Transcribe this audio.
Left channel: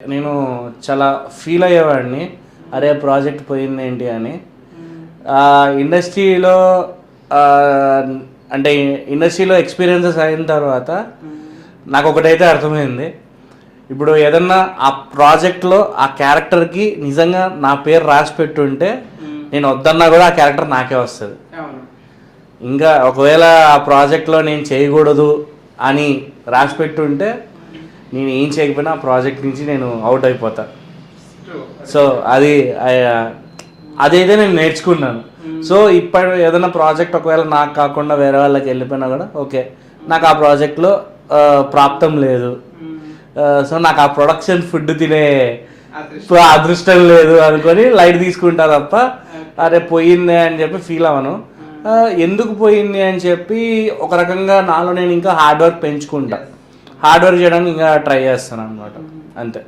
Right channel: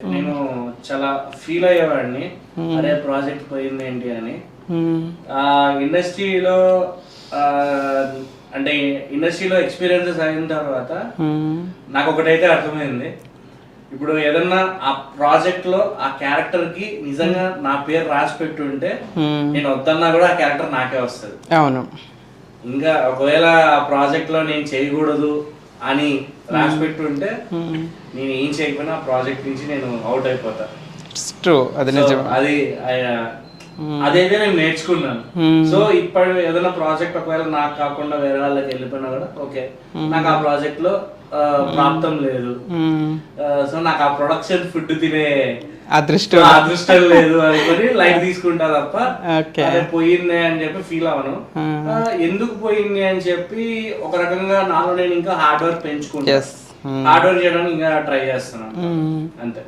నేను చాలా ఫీల్ అయ్యేవాడిని, అరే ప్రాజెక్ట్ పోయింది ఏంటి అని. ఇండస్ట్రీలో అంటే ఇండస్ట్రీలో ఎక్స్పీరియన్సెస్ అయిన తర్వాత నాకు ఒకటైతే అర్థమైంది, ఇప్పుడు ఏదన్నా ఆ ప్రాజెక్ట్లో ఆ క్యారెక్టర్కి నిజంగా నా పేరు రాసి పెట్టుంటే నేను వద్దన్నా కూడా ఆ క్యారెక్టర్ నాకే వస్తుంది. అవును. ఇంకా ఒకవేళ ఆ ప్రాజెక్ట్లో నేను చేయకూడదు అని రాసి పెట్టుంటే నేను ఏం చేయకపోయినా ఆ ప్రాజెక్ట్ నుంచి నేను అవుట్ అయిపోతా. సో అది అదైతే నేను నేర్చుకున్నాను. సో ఇప్పుడు ఏదైనా ప్రాజెక్ట్ ఒకవేళ నాకు కాకుండా వేరే వాళ్ళకి వెళ్ళిపోయినా కూడా ఓకే, నాకు ఆ ప్రాజెక్ట్ లో ప్రాప్తం లేదు, సో నాకు ఆ ప్రొడక్షన్ ఫుడ్ తినే అదృష్టం లేదు అనుకొని లైట్ తీసుకుంటా తప్ప అదే పోయింది అని చెప్పి ఫీల్ అవను. ఎందుకు పోయింది అని చెప్పి ఒక రకంగా నాలో నేను ఇంకా హార్డ్ వర్క్ పెంచుకుంటా, హార్డ్ వర్క్ చేయడానికి ఇంకా ట్రై చేస్తాను అంతే.